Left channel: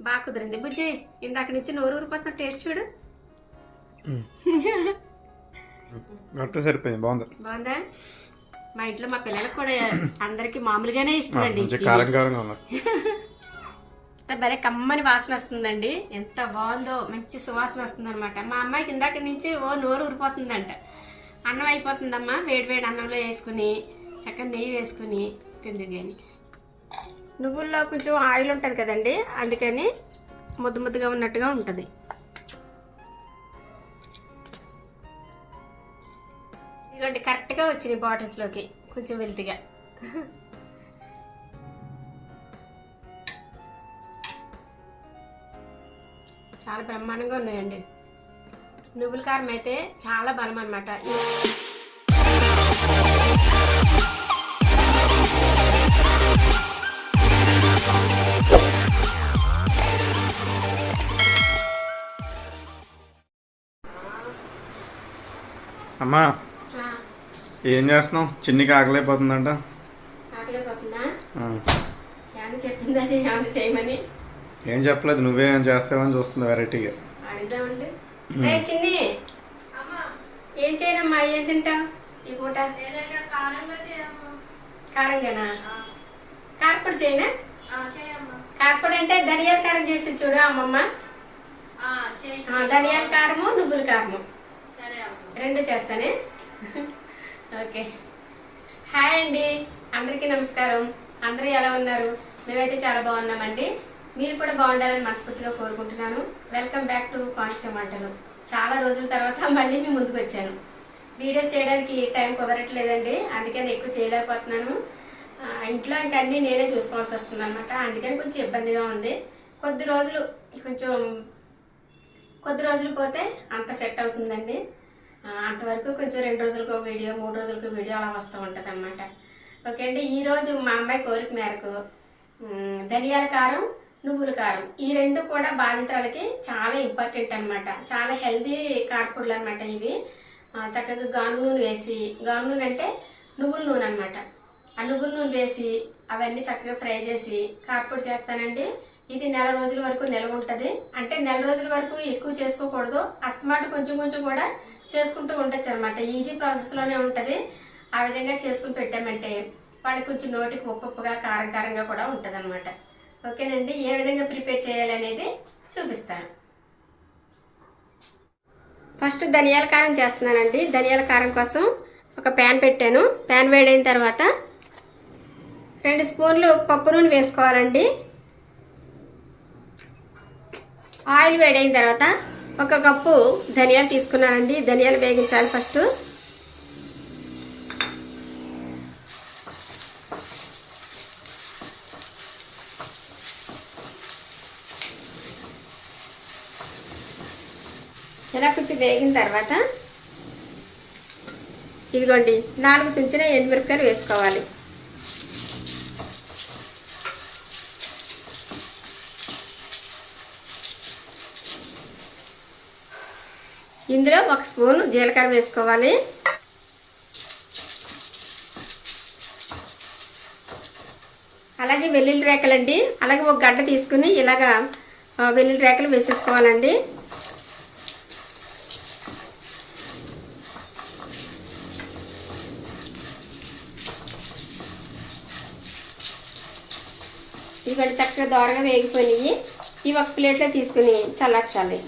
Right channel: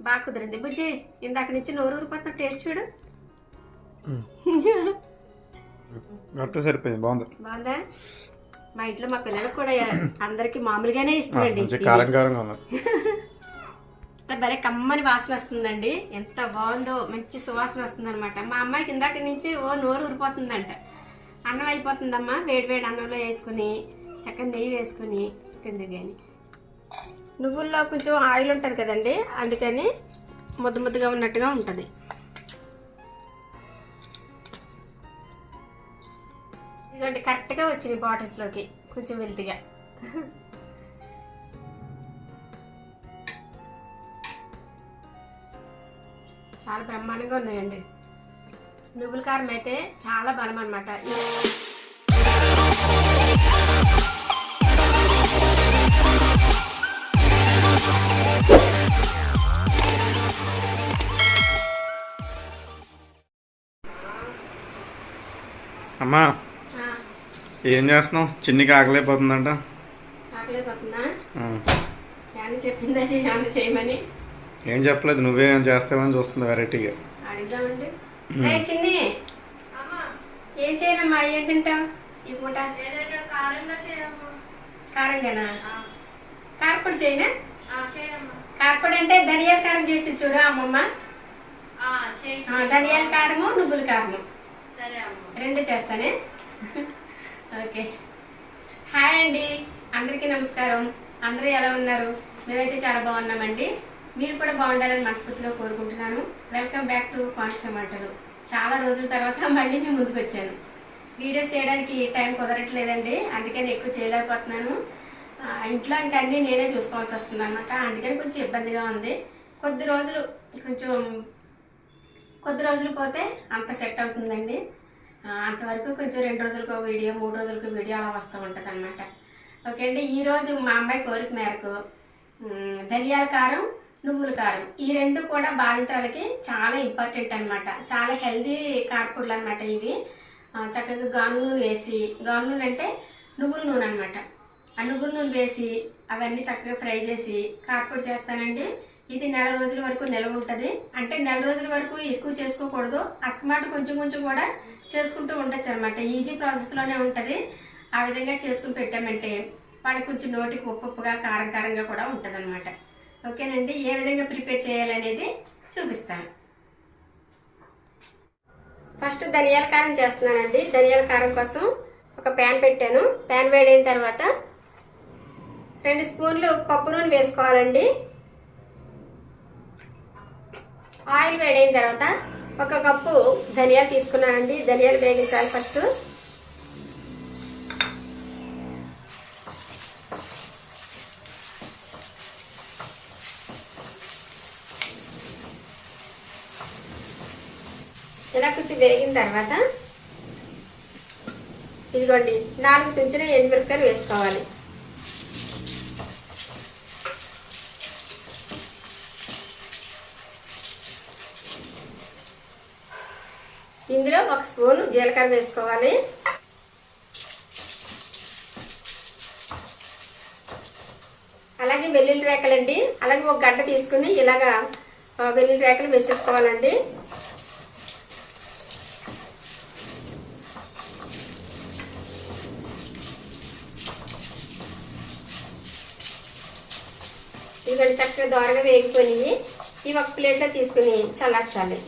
బాగా కుదిరింది. బుజ్జి ఇందాక నుంచి నోరు ఊరిపోతున్న టేస్ట్ చూడు. గట్టు సరిపోయింది బాగుంది. బాగుందా? మా ఇంట్లో మా పిల్లలకు కూడా అందరికి మామూలుగానే ఇష్టం అండి కారం కారంగా భలే కమ్మని వాసన వస్తుందండి. ఎంత బాగుందో మంచి సువాసన వస్తుంది అనమాట మా అమ్మాయికి ఇందాక నుంచి ఓ నోరు ఊరిపోతుందంట. అన్నం అయిపోతుందమ్మా వేడి వేడి అన్నంలో వేసుకుని చక్కగా నెయ్యి వేసుకుని తింది కానీ నువ్వుల్లో కొంచెం ఆయిల్ ఉంటుంది కదండి అందుకని ముద్ద ముద్దగా ఉన్నట్టుగా ఉంటుంది. ఇదిగోండి కరెక్ట్గా వచ్చినాయి బాటిల్స్లోకి కొంచెం వెల్తిగా. చాలా బ్రహ్మాండంగా ఉన్నాయండి. నువ్వుల కారం అయితే చాలా బలం అనమాట అమ్మా. ఏం చేస్తున్నావు? చిన్నికి ఆకలేకపోతుందంట ఆకలిపోతుందా? ఆ. ఏమన్నా చెప్పిందా? ఏమన్నా చేయమని? ఏం చెప్పలేదు. నువ్వే ఏం చేస్తావని చూస్తుంది వెరైటీగా. ఏ చిన్ని! ఏం చేయనమ్మా? ఏం తింటావు? ఈ పూట కారంగానా? కారపొడి చేయనా? కారపొడి అంటే ధనియాల కారం చేసి చూడు అమ్మమ్మ. ఆ, చేయి. ఆ, ధనియాల కారము నువ్వుల కారము. రెండు చేస్తానే? ఓకే. హాయ్ అండి. అందరికీ నమస్కారం. అందరూ ఎలా ఉన్నారు? మేమైతే చాలా బాగున్నామండి. మీరు కూడా బాగుండాలని మనస్ఫూర్తిగా కోరుకుంటున్నాను. వెల్కమ్ బ్యాక్ టు కాన్సెప్ట్ మాటలు చాలా రోజుల తర్వాత మళ్ళీ మీ ముందుకు వచ్చాను. వీడియోస్ చేయడానికి టైం కుదరట్లేదండి. అందుకని ఎక్కువ చేయలేకపోతున్నాను. ఇంట్లో ఇంకా అన్నీ నేనే చూసుకోవాల్సి వస్తుంది అనమాట అందుకని కొంచెం ఇబ్బందిగా ఉంది. కొద్ది రోజులు కొంచెం కొద్ది రోజులు పోతే అంత సెట్ అవుతుందండి. అంతవరకు కొంచెం రెండు రోజులకు వీడియో మూడు రోజులకు వీడియో అలా వస్తూ ఉంటుంది అనమాట ఓకే అండి ఈరోజు మా అమ్మాయి కోరిక మేరకు ధనియాల కారం నువ్వుల కారం ఈ రెండు కూడా బాధితులకి చాలా ఇంపార్టెంట్ అనమాట చాలా హెల్దీ కార్పొడులు అనమాట ఇవి. చక్కగా గాను నూనె వేసి గాను నూనె అంటే నువ్వుల నూనె అనమాట ఆ నువ్వుల నూనె వేసి అవన్నీ చక్కగా ఫ్రై చేసి కార్పొడి చేస్తానండి. ఇది నెల రోజుల వరకు నిల్వ ఉంటుంది. అంటే నెల రోజుల వరకు ఎక్కువ చేసుకోకూడదు. అస్తమాట కొంచెం కొంచెం కూడా చేసుకుంటూ ఉండొచ్చు అనమాట ఈజీ ప్రాసెస్లోనే ఉంటుంది. ఆ విధంగా చేసుకుని పెట్టామంటే వాళ్ళకి కొంచెం నోటికి ఉప్పుగా కారం కారంగా కూడా ఉంటుంది అనమాట ఓకేనండి? ఏ విధంగా ప్రిపేర్ చేయాలనేది చూపిస్తాను. ఫస్ట్ ధనియాల కారం చేస్తున్నానండి. ధనియాల కారం కోసం ఒక ప్యాన్ పెట్టాను. ప్యాన్ వేడైన తర్వాత రెండు స్పూన్లు పప్పు నూనె వేసుకోవాలండి. ఆయిల్ వేడైన తర్వాత ఒక కప్పు ధనియాలు తీసుకున్నానండి. ధనియాలు వేగించాలి ఫస్ట్. ఇలా కొంచెం వేగిన తర్వాత ఇదిగోండి నాలుగు తుంచిన ఎండుమిరపకాయలు వేసుకోవాలి ఇందులో ఒక స్పూన్ జీలకర్ర వేసుకోవాలి. అలాగే వెల్లుల్లి రేకలండి అలాగే ఒక గడ్డ తీసుకుని ఇలాగా వెల్లుల్లి రేకలు వేసేసుకోవాలండి. ఇవి చక్కగా దోరగా వేగిపోయినాయి. ఇవి ఒక ప్లేట్లో తీసుకుని చల్లార్చాలి.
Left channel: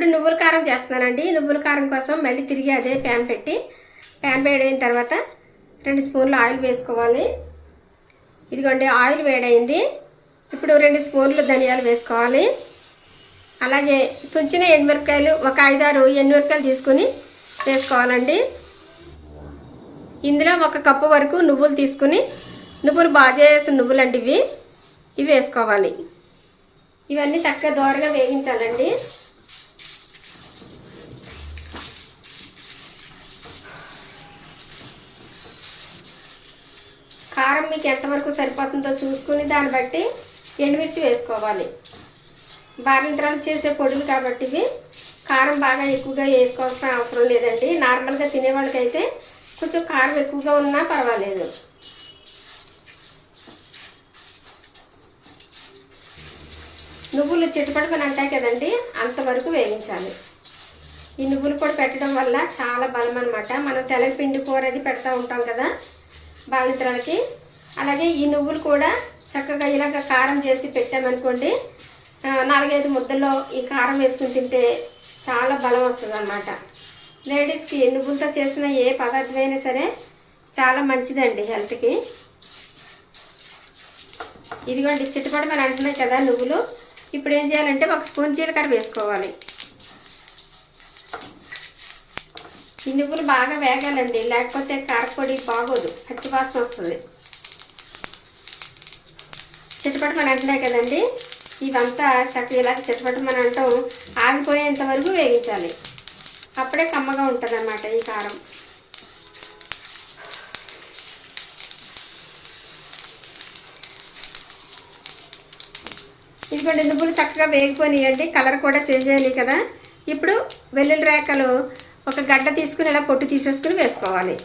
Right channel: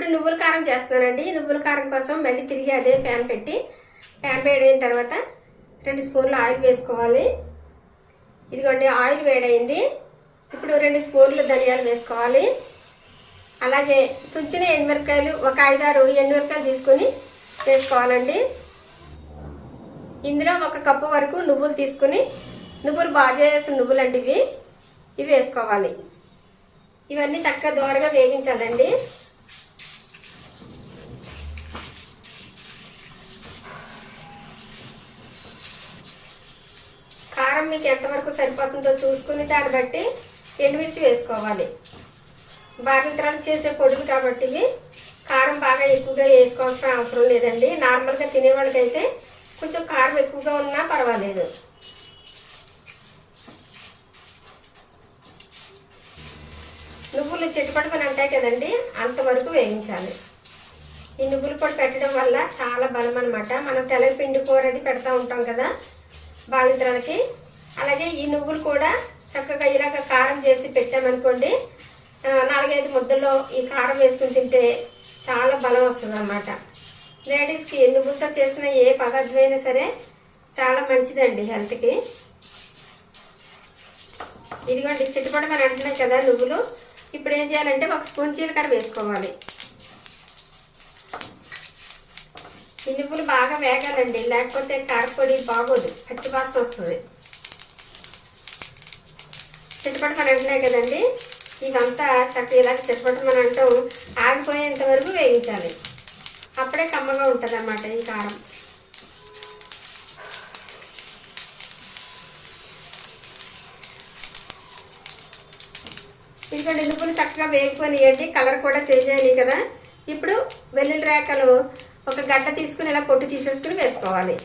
ఇప్పుడు నువ్వుల కారం చేస్తున్నానండి. నువ్వుల కారం కోసం మళ్ళీ తిరిగి అదే ప్యాన్ పెట్టి ప్యాన్ వేడైన తర్వాత రెండు స్పూన్లు ఆయిల్ వేసుకోవాలి. ఇదిగోండి ఆయిల్ వేడైంది. ఇప్పుడు రెండు స్పూన్లు ధనియాలు వేసుకోవాలి. అలాగే తుంచిన ఎండుమిరపకాయలు ఒక ఐదారు ఎండుమిరపకాయలు తీసుకుని వేసుకోవాలండి. ఇందులో ఒక కప్పు వరకు నువ్వులు తీసుకుని నువ్వులు బాగా చేసిన నువ్వులు అండి ఇవి ఇవి వేసుకోవాలి. ఇవన్నీ చక్కగా దోరగా వేగించాలండి కారం మీకు ఎంతవరకు సరిపోతుందో చూసుకుని దాన్ని బట్టి ఎండుమిర్చి వేసుకోవాలి. బాగింతరాలు చేసే పొడులు కాబట్టి ఇవి కారం బాగా ఎక్కువగా వేసుకోవాల్సిన అవసరం లేదండి. నార్మల్గా తినే వాళ్ళకైతే కొంచెం కారం ఎక్కువగా ఉన్నా పర్వాలేదు. నువ్వులు చిటపటమని అంటాయి కదండి అంతవరకు వేయించాలి. ఈ నువ్వులు పొడి పెట్టడం వల్ల చాలా బలం అనమాట మనం తెల్లపిండి కూర అది పెడతా ఉంటాం కదా బాలింతలకి. అలాగే ఈ నువ్వులు కూడా చక్కగా ఇలాగ కారం చేసి పెట్టామనుకోండి నాలుగైదు ముద్దల్లో ఈ కారం వేసుకుని తింటే చాలా బలం వస్తుంది అన్నమాట లేడీస్కి నువ్వులతో చేసిన ఏ పదార్థమైనా సరే చాలా మంచిదండి హెల్త్కి. ఇదిగోండి చిట్టుపడి మనం అంటున్నాం కదా నువ్వులు. ఇప్పుడు ఏం చేయాలంటే ఒక స్పూన్ జీలకర్ర వేసుకోవాలి. ఈ నువ్వులు బాగా వేగాలండి లేకపోతే కారపొడి బాగోదు పచ్చి వాసన వస్తుంది. చిట్టుపడి మన అంటున్నాయి కదండి. ఇవంతా చక్క ఇలా చిట్టుపడి మన అంటాం. ఆగిపోయేంత వరకు వేయించాలి. అప్పుడే కమ్మగా ఉంటుంది అన్నమాట ఈ కారం. ఇంకా నిలుపులు చక్కగా వేగిపోయినాయండి. కలర్ కూడా చేంజ్ అయినాయి కదా. ఇప్పుడు వెల్లుల్లి రేఖలు ఒక గడ్డ తీసుకుని ఇలా పొట్టు తీసేసుకుని వేసుకోవాలి.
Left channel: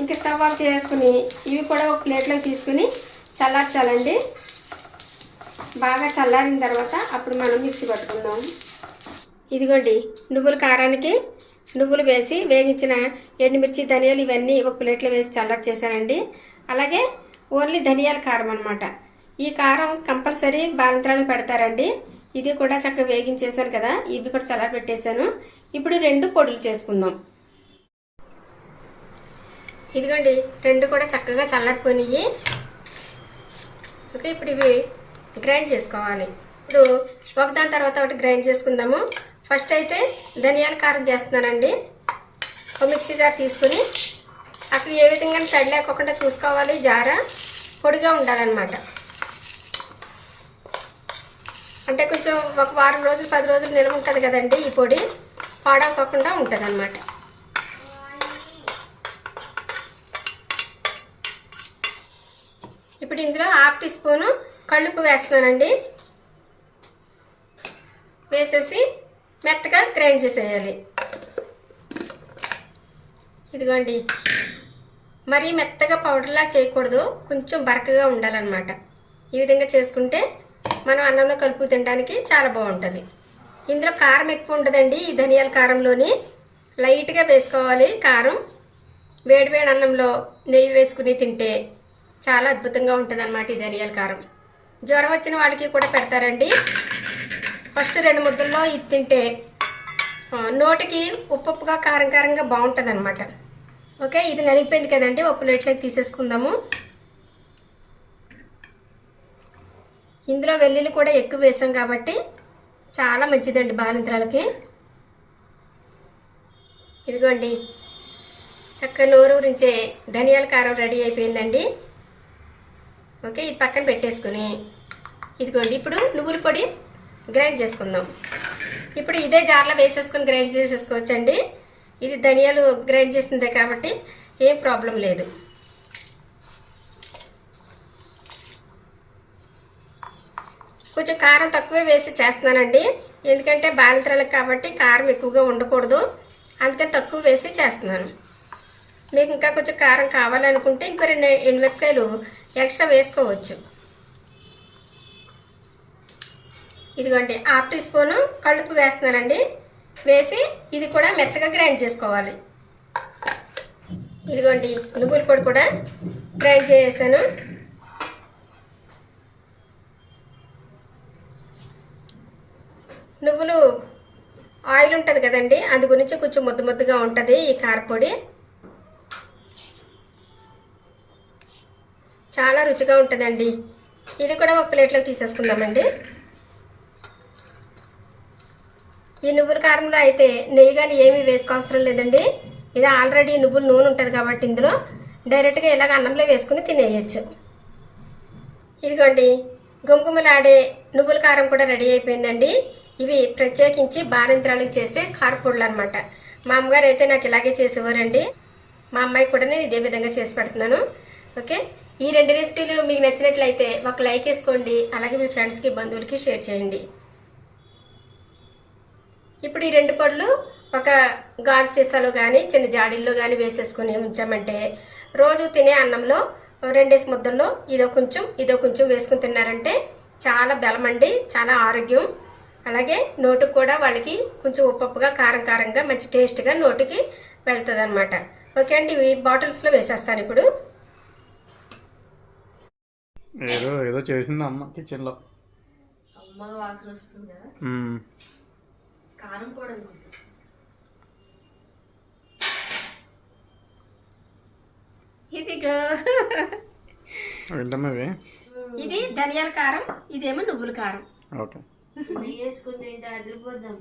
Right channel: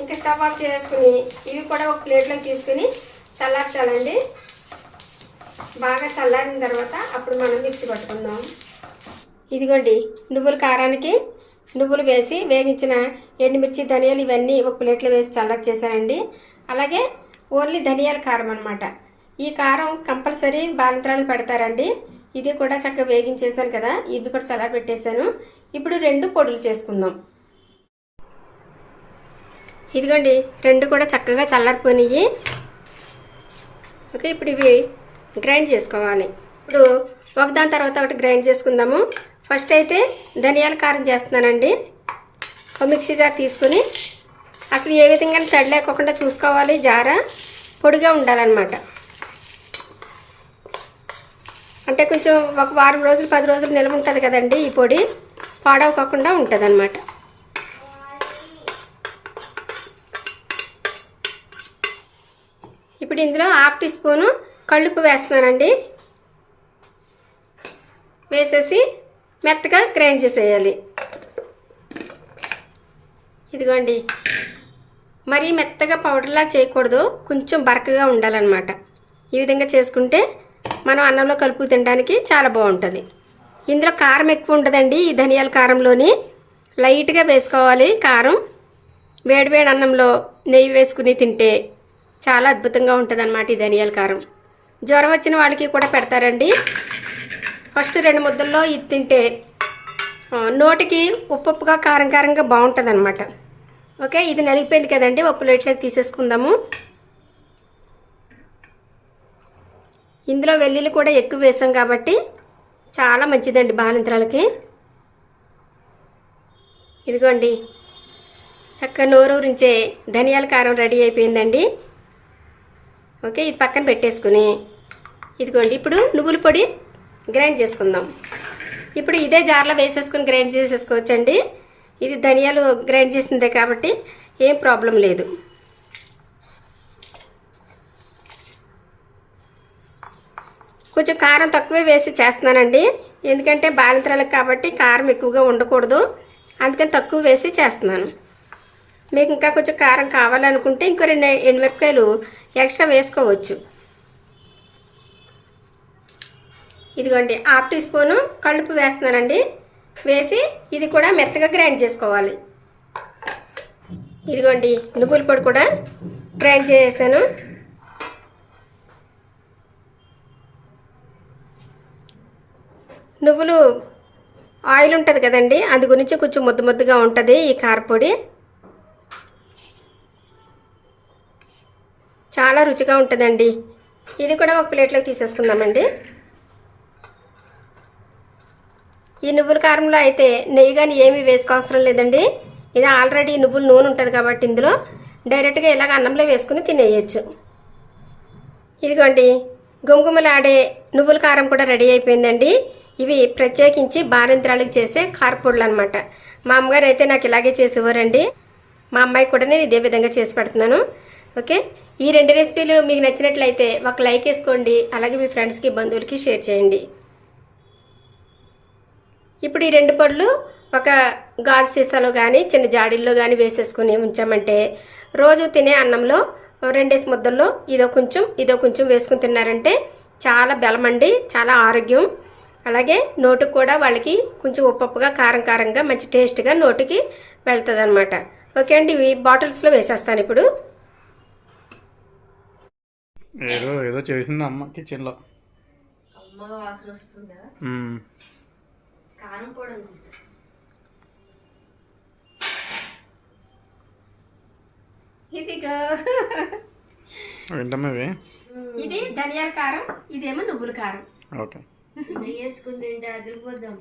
ఇంకా స్టవ్ ఆఫ్ చేసుకుని ఇవి కూడా ఒక ప్లేట్లో తీసుకుని చల్లార్చాలండి. బాగా చల్లారిన తర్వాత అప్పుడు మనం మిక్సీ పట్టుకుందాం. ఇదిగోండి నువ్వుల కారానికి నువ్వులు వేసి వేగించిన ఎండుమిర్చి ధనియాలు ఇవన్నీ ఒక ప్లేట్లో వేసి చల్లటి చేశానండి. అలాగే ఓన్లీ ధనియాల కారం అనమాట ఈ కారం కంపల్సరీ బాలంత్రాలు పెడతారండి. ఇది కూడా చక్కగా వేగించేసాను కదా ఇది కూడా చల్లారి పెట్టేశాను. ఇప్పుడు రెండు పొడులు చేసుకుందాం. ఇదిగోండి రెండు కూడా చక్కగా చల్లారిపోయినాయి. ఓకే ఇప్పుడు ఇవి గ్రైండ్ చేసుకోవాలి. ఇప్పుడు ఒకదాని తర్వాత ఒకటి గ్రైండ్ చేసుకుందాము. ఫస్ట్ అయితే ధనియాల కారం చేస్తున్నానండి. ఒక మిక్సీ జార్ తీసుకుని అసలు ఏ విధంగా తడి లేకోకుండా చూసుకోవాలి. జార పొడిగా ఉండాలన్నమాట. అంటే కొంచెం ఒక వారం రోజులు పది రోజులు నిల్వ ఉంటుంది కదండి ఈ పొడి. పాడవకోకుండా ఉంటుంది ఇప్పుడు ఇందులో హాఫ్ టీ స్పూను కళ్ళుప్పు వేస్తున్నానండి. వేసేసి మెత్తగా గ్రైండ్ చేసేయాలి. ఇదిగోండి. మరీ మెత్తగా పౌడర్లా చేయకూడదు. కొంచెం బరకగా ఉండాలన్నమాట. ఈ విధంగా చేసుకుంటే మనం అన్నంలో కలుపు తినడానికి చాలా బాగుంటుంది. ఇందులో కారం ఎక్కువ ఉంటుందండి ఈ ధనియాల కారంలోని లైట్గా వేసుకోవాలి. కారం వేడివేడి అన్నంలో నెయ్యి వేసుకుని తింటే చాలా అద్భుతంగా ఉంటుందన్నమాట ఈ ధనియాల కారం. జ్వరం వచ్చిన వాళ్ళకి కూడా పెడతారండి. ఫస్ట్ రెండు ముద్దల్లో ఇది తింటే నోటికి ఉప్పు ఉప్పుగా కారం కారంగా బాగుంటుంది అనమాట ఓకే ఇది నలిగిపోయింది కదండి ఒక ప్లేట్లోకి తీసేసుకుందాము. ఇందులో వెల్లుల్లి కూడా ఎక్కువ వేసాం కాబట్టి చాలా మంచిదండి బాలింతరాలకి ఇదిగోండి చక్కగా నోరూరించే ధనియాల కారం రెడీ అయిపోయిందండి. ఓకే ఇది పక్కన పెట్టేసుకుని ఇదిగోండి ఇప్పుడు నువ్వుల పొడి గ్రైండ్ చేసుకుందాం. ఇప్పుడు ఇదే జార్లో వేసేసుకుని గ్రైండ్ చేసేసుకోవచ్చండి. ఇది ధనియాలు గ్రైండ్ చేసిందే కాబట్టి ఏం ప్రాబ్లం లేదు. కొంచెం కారం తక్కువే వేసి చేస్తున్నానండి. ఎందుకంటే బాలింతరాలకు కాబట్టి కారం ఎక్కువగా ఉండకూడదు. అందుకని తక్కువ వేసి చేస్తున్నాను. మీకు ఇంకా కొంచెం కారం కావాలనుకుంటే ఇంకో రెండు ఎండుమిరపకాయలు ఎక్స్ట్రా వేసుకోవచ్చు. ఇదిగోండి హాఫ్ టీ స్పూను కలుపు వేస్తున్నానండి. వేసి ఇది కూడా మెత్తగా గ్రైండ్ చేసుకోవాలి. ఇదిగోండి నువ్వుల పొడి కూడా గ్రైండ్ చేసేసాను. నువ్వులు ఆయిల్ ఉంటుంది కదండి అది గురించి కొంచెం ముద్ద ముద్దగా ఉంటుంది ఈ కారపొడి. చాలా రుచిగా ఉంటుందండి. ఇది కూడా ఒక ప్లేట్లోకి తీసేసుకుందామండి. ఈ నువ్వుల కారంలో అయితే నెయ్యి కానీ ఏమీ వేసుకోవసరం లేదండి. ఇది ఆల్రెడీ నువ్వుల నూనె ఉంటుంది కాబట్టి ఇందులో డైరెక్ట్గా ఇలాగ అన్నంలో వేసుకుని తినేయచ్చు. ఇదిగోండి గుమగుమలాడే నువ్వుల కారం కూడా రెడీ అయిపోయిందండి. ఇవి ప్రత్యేకించి బారింద్రాలకు చేసే కారపొడులు అనమాట మా అమ్మగారు అయితే నాకు ఇలాగే చేసేవారండి మా అమ్మాయి కూడా నేను ఇదే విధంగా చేసి పెడుతున్నాను. ఓకే? ఈ రెండు రెసిపీలు మీకు నచ్చినట్లయితే ఒక లైక్ వేసుకోండి అలాగే మీ ఫ్రెండ్స్కి బంధువులకి షేర్ చేయండి. ఇప్పుడు ఈ రెండు పళ్ళు ఒక గాజు సీసాలో కానీ చిన్న జాడీల్లో కానీ వేసేసుకుని ఉంచామంటే రోజు తినే అన్నంలో రెండేసి ముద్దల్లో ఇదో కొంచెం ఇదో కొంచెం వేసుకుని తిన్నారంటే చాలా బలమండి చాలా ఆరోగ్యం. అలాగే నోటికి కూడా వాళ్ళకి కొంచెం ఉప్పప్పుగా కారం కారంగా మంచి టేస్ట్గా నోటికి వెళ్తుంది అనమాట ఓకే అండి ఇవి బాటిల్స్లో వేసేస్తాను ఇప్పుడు. ఏదో ఏదో చేసింది అమ్మ కిచెన్లో అమ్మగా వాసన వస్తుంది కదా. మ్మ్. కారం కూడా ఇదిగో ఏంటమ్మా ఇవి? ఇది ధనియాల కారం ఇదేమో నువ్వుల కారం. ఓకే.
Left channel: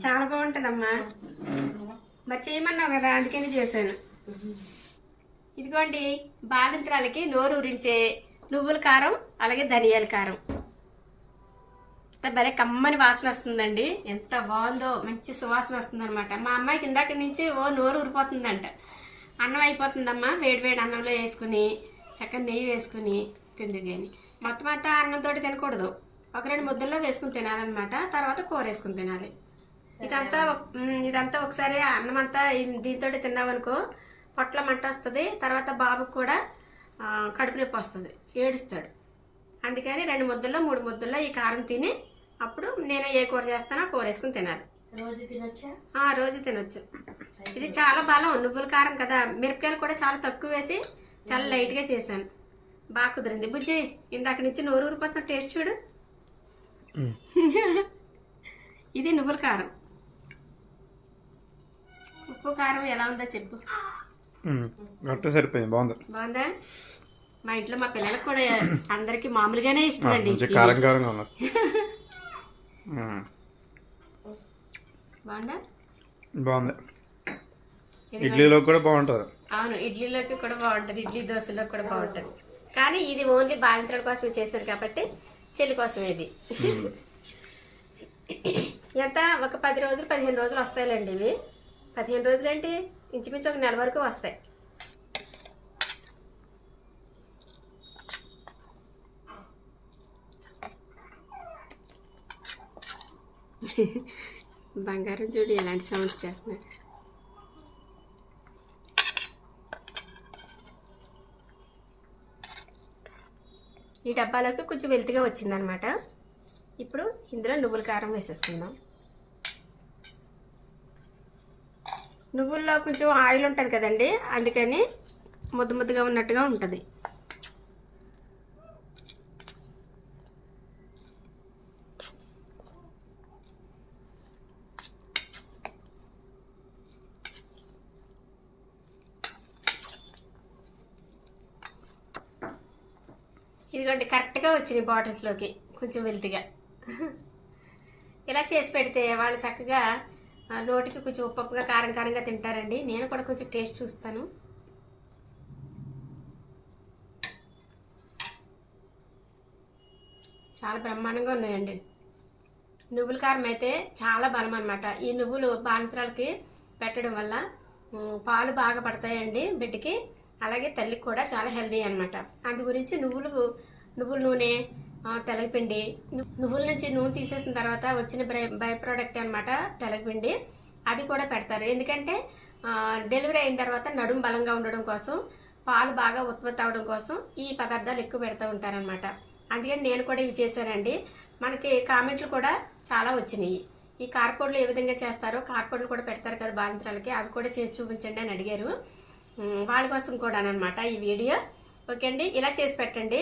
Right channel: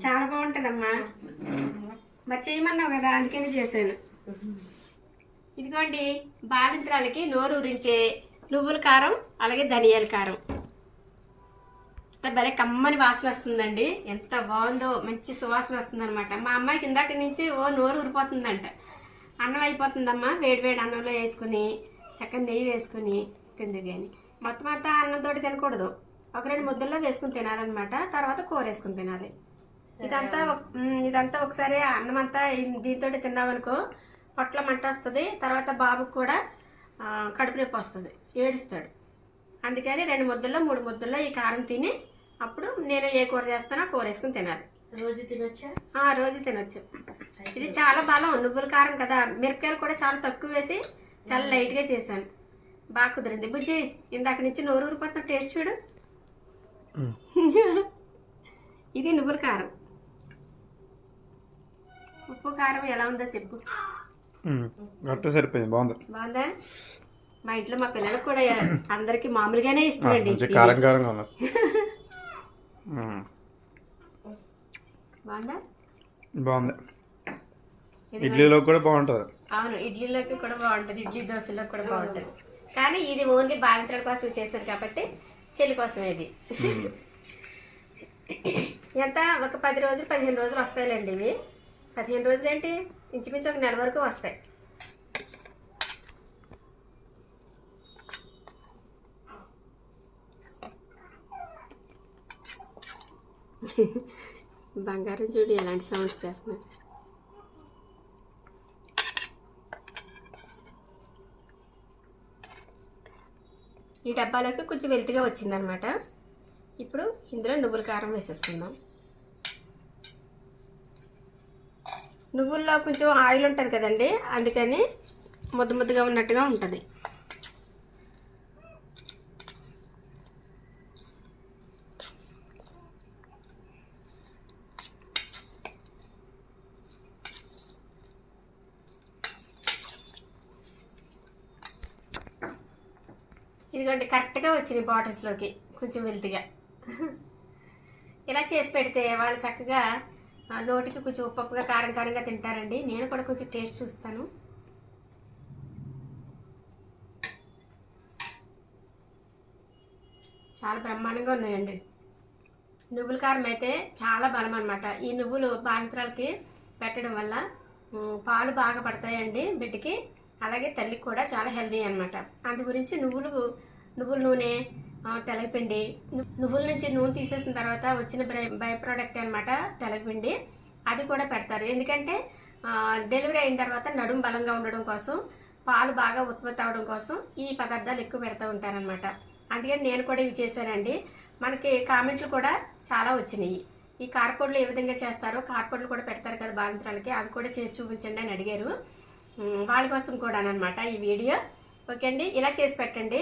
చాలా బాగుంటుందమ్మా. మరి చేయమన్నావు కదా అందుకని చేశాను. ఇదిగోండి బాలింత్రాలకి నోరు ఊరించే నువ్వుల కారం అలాగే ధనియాల కారం. భలే కమ్మని వాసన వస్తుందండి. ఎంత బాగుందో మంచి సువాసన వస్తుంది అనమాట మా అమ్మాయికి ఇందాక నుంచి ఓ నోరు ఊరిపోతుందంట. అన్నం అయిపోతుందమ్మా వేడి వేడి అన్నంలో వేసుకుని చక్కగా నెయ్యి వేసుకుని తింది కానీ మొత్తం అంతా అన్నంతో తినకూడదు. ఒక రెండు ముద్దల్లో వేసుకుని తినాలన్నమాట. తర్వాత కూర వేసుకుని తినాలి. ఇదంతా ఇదంతా ఒకసారి అన్నం అంతా దీంతో తిన్నామనుకో పొట్ల మంట వస్తుంది. తర్వాత బాబుకు కూడా కడుపు నొప్పి వస్తుంది. ఏడుస్తాడు. అందుకని రెండు ముద్దల్లో మూడు ముద్దల్లో ఈ కారం తిని అప్పుడు నేను ఏ కూర చేస్తానో కూర వేసుకుని తినాలి. రోజు తినొచ్చా? ఆ రోజు తినొచ్చు. ఇది చాలా బలం. నువ్వుల కారం కదా. మిరపకాయలు కూడా చాలా తక్కువ వేసి చాలా లైట్గా చేశాను. బాగా కుదిరింది. బుజ్జి ఇందాక నుంచి నోరు ఊరిపోతున్న టేస్ట్ చూడు. ఇది నువ్వుల కారం. ఉప్పు కారం ఎలా ఉందో చెప్పు. కరెక్ట్ సరిపోయింది. బాగుంది. బాగుందా? మా ఇంట్లో మా పిల్లలకు కూడా అందరికి మామూలుగానే ఇష్టం అండి కారం కారంగా ఉన్నది మ్మ్. బాగుందా? బాగుంది. ఇడ్లీలో కూడా బాగుంటుంది. అవును ఇడ్లీలోకి కూడా బాగుంటుంది ఇడ్లీ దోశలో కూడా బాగుంటుంది. కానీ ఇది ఓన్లీ బాలింతల కోసం చేశారు కాబట్టి చెల్లి కోసం ఇది. ఎంత? ఒక పది రోజులు పదిహేను రోజులు వస్తాయిలేండి ఇవి. పదిహేను రోజులేంటి? ఇంచుమించు ఒక నెల వరకు వస్తాయి. బంగారం చూడు ఎలాంటి సౌండ్స్ చేస్తున్నాయి? ఈ డబ్బాలోకి కొంచెం వెల్తిగా వచ్చిందనమాట. ఇప్పుడు ఇందులో నువ్వుల కారం వేసేస్తున్నాం నువ్వుల్లో కొంచెం ఆయిల్ ఉంటుంది కదండి అందుకని ముద్ద ముద్దగా ఉన్నట్టుగా ఉంటుంది. ఇదిగోండి కరెక్ట్గా వచ్చినాయి బాటిల్స్లోకి కొంచెం వెల్తిగా ఇలా చేసి పెడితే వాళ్ళు చక్కగా నోటికి కొంచెం ఉప్పుగా కారం కారంగా తింటారండి. నేను కూడా కొంచెం టేస్ట్ చూస్తాను. చాలా బ్రహ్మాండంగా ఉన్నాయండి. నువ్వుల కారం అయితే చాలా బలం అనమాట ఈ నువ్వులు బాలింతరాలకి పెట్టడం వల్ల పాలు బాగా పడతాయండి బిడ్డకి. అలాగే తల్లికి కూడా చాలా హెల్దీ అనమాట అందు గురించి నువ్వులు నువ్వుల నూనె తెలగపిండి. నువ్వుల నుంచి నూనె తీసేసిన తర్వాత వచ్చిన బై బై ప్రోడక్ట్ అనమాట తెలగపిండి. అది కూడా పెడతారు. ఎందుకంటే డెలివరీ అయిన తర్వాత నడుము బలంగా ఉండడం కోసం పాలు బాగా ఉత్పత్తి అవడం కోసం ఈ పదార్థాలు ఎక్కువ పెడతా ఉంటారనమాట అందుకని నేను కూడా ఇవి చేశానండి. మనకి కామెంట్లు కూడా చాలా వచ్చినాయి. ఈ కార్పొడ్లు ఏ విధంగా చేస్తారో కార్పొడ్లు కూడా పెడతారు కదా బాలింత్రాలకి అవి కూడా చేసి చూపించండి అని అడిగారు. వాళ్ళ కోసం కూడా అనమాట ఈ వీడియో. ఓకే అండి ఇలా చేసి పెట్టండి.